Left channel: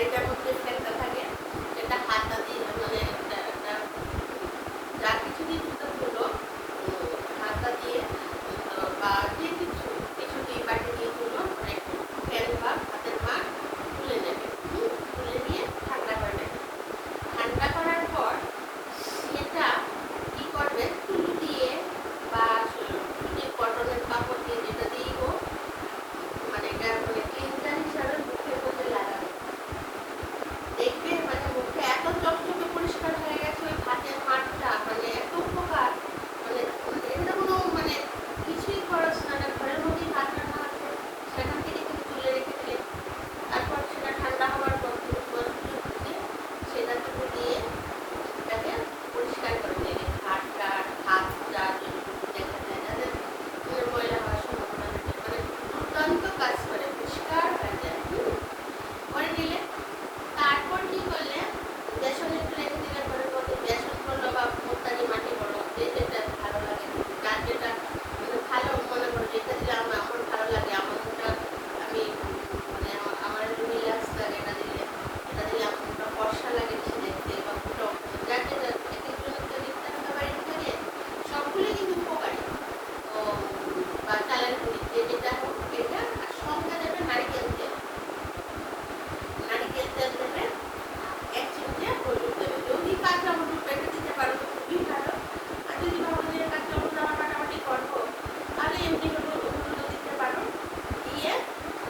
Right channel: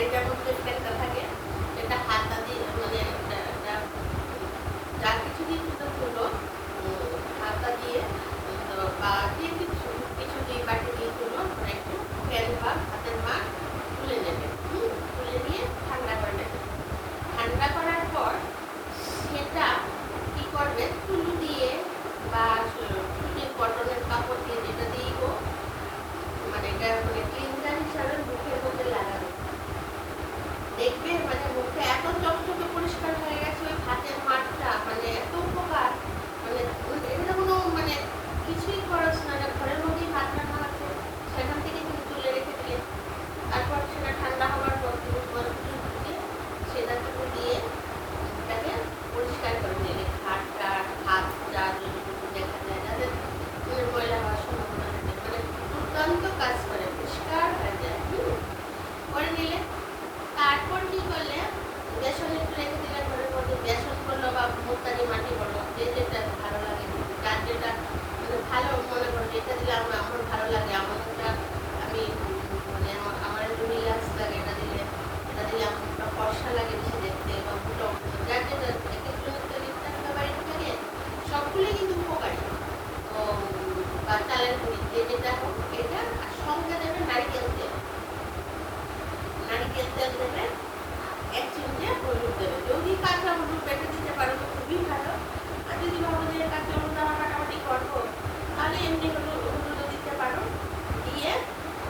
হাঁড়িটার মধ্যে ফ্যানটা থাকে, এটা হাতা দিয়ে মানে যা কিছু দিয়ে তুলো হাতা দিয়ে বা দিয়ে কিছু কিছু দিয়ে বাটি দিয়ে তুলো মানে একটু ফ্যান বা হাতের মাছ তুলে নেবে। তুলে নিয়ে ঠান্ডা করে নেবে। ঠান্ডা করার পর সেটা কি করবে, তুলো দিয়ে বা কটনের কাপড় দিয়ে যেটা দিয়েই হোক মানে এটা মানে ক্লিনজার হিসাবে মুখের মধ্যে লাগাবে। দেখবে মানে মুখটা এত চকচকে পরিষ্কার হয়ে গেছে, ওই ভাতের মাঠটা মানে এত উপকার, মানে এটা কোনো মানে কিছুই খরচ না, ঘরের মধ্যেই ভাত রান্না আছে, সেখান থেকে তুমি তুলে রেখে দিলে, তারপর সেটা ঠান্ডা হওয়ার পর তুমি সেটা তুমি দিয়ে এটাকে পরিষ্কার করে দেবে। হাতটা হাতটা যতটুকু দেখা যায় যাদের ময়লা হওয়ার সম্ভাবনা থাকে মানে দুর্দান্ত কাজ করে, পরিষ্কার হয়ে যায়। করে নিলে তারপর কি করলে বেসন একটু রেখে দিলে ঘরের মধ্যে, বেসন বলো বা মুলতানি মাটি বলো, যে যেটা ভালো লাগে, তার যেটা মানে ভালো মনে করো যেটা দিলে আমার ভালো লাগে, আমনটা আমি মানে আমার রিল্যাক্স লাগে এটা দিলে আমনটা ফর্সা লাগে বেশি দেখতে, বা ফুটো যার যেটা এক একজনের ইত্যাদিটা বাড়িতে থাকে সবগুলি কিন্তু উপকারী। বা চালের গুঁড়ি যে যেটা হোক এটা, আর সঙ্গে দেবে নারিকেল তেল। নারিকেল তেল দেবে, 1 চিমটে হলুদ দেবে। যদি কাঁচা হলুদ পেটে দিতে পারো তো খুবই ভালো, আর যদি ভাবো যে কাঁচা হলুদ আমরা কাটাকাটি করবো তাহলে এমনি হলুদও দিতে পারো। দিয়ে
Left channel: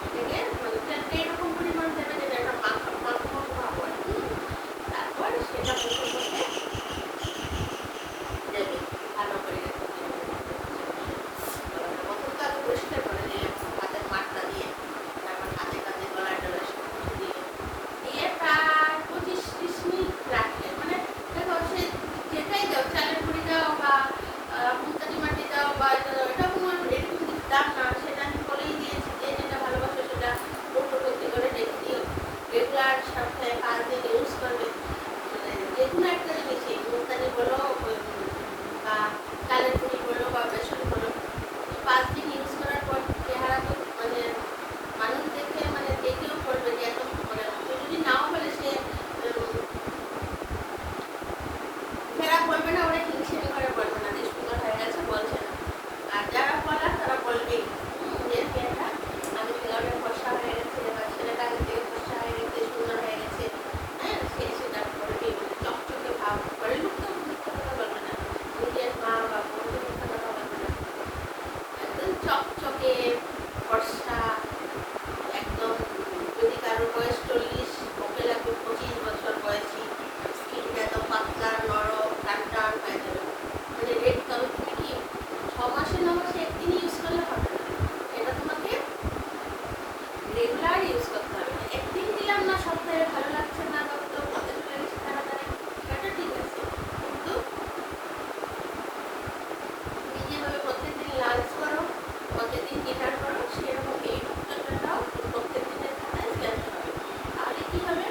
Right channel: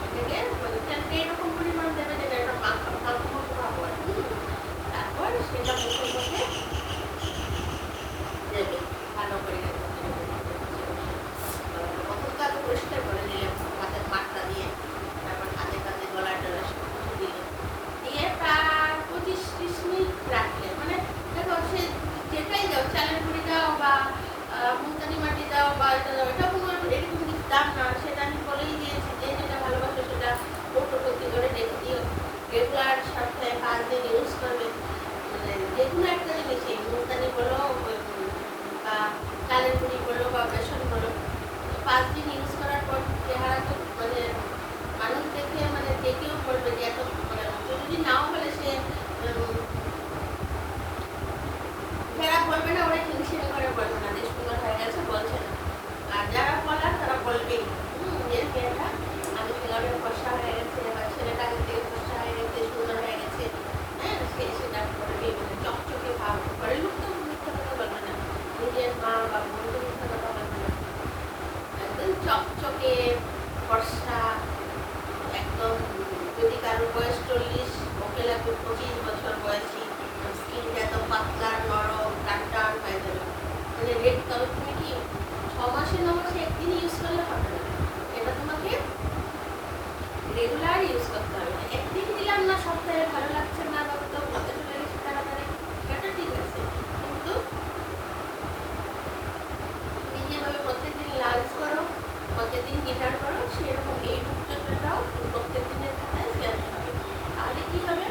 এটাকে মানে তেলটা এরকম পরিমাণ দেবে যে এটা মাখো মাখো ভাবো। তারপর সেটা মুখের মধ্যে দেবে ভালো করে পরিষ্কার করে নিলে ভাতের মাঠটা দিয়ে, তারপর হাতে কাতে গলা টলা সবকিছু দিলে দিয়ে প্রায় 25-30 মিনিট রাখলে মানে দেখো সে যেটাই দাও, চালের গুঁড়ি দাও বা মুলতানি মাটি দাও বা এটা দাও, এটা কোনো এরকম দাম না, সেটা আমি বলেই দিয়েছি যে যেটা ভালোবাসে সেটা কৌটো ভর্তি করে রেখে দিও। রেগুলার সপ্তাহে 5 দিন ইউজ করবে, মানে যে কোনো একটা জিনিসই মুলতানি বলো বা চালের গুঁড়ি বলো বা বেসন বলো 5 দিন ইউজ করার পর চেহারা তো মানে মানুষ দেখে মানে দেখেও করবে যে এত মানে যদি নাও বলে সে যারা বলবে না ওরা হিংসে করে বলবে না যে সুন্দর হয়ে গেছে বলছে না, আর যারা বলার তারা বলবেই মেয়েটা আমি খেলাম ফর্সা হয়ে গেছে বা ছেলেটা ফর্সা হয়ে গেছে সুন্দর হয়ে গেছে, হ্যাঁ সেটা বলবেই, মানে চকচকে ভাব করে লুপ্ত মিথ্যা কথা বলবে না, নিজের মা বা বন্ধুর মিথ্যা কথা বলবে না, একদম চকচকে ফর্সা একদম। যদি কারোর বয়স 40 ওকে লাগবে 25 বছর বয়সী, স্কিনটা এত পাতলা নরম টান টান হয়ে যাবে। মানে রেড তুমি কি 6 মাসে 9 মাসে একদিন ইউজ করলে হবে না, এটা তোমাকে রেগুলার ইউজ করতে হবে। একদিন দিলাম না সপ্তাহে ভালো লাগছে না বা তো পথে চলে গেছে তাড়াতাড়ি, এটা ঠিক আছে, কিন্তু তুমি যেভাবে প্রত্যেকদিন লাঞ্চ করো প্রত্যেকদিন ডিনার করো সেরকম এই রুটিনটাও প্রত্যেক দিনের খাতায় চেঞ্জ হবে। তাহলে কি হবে,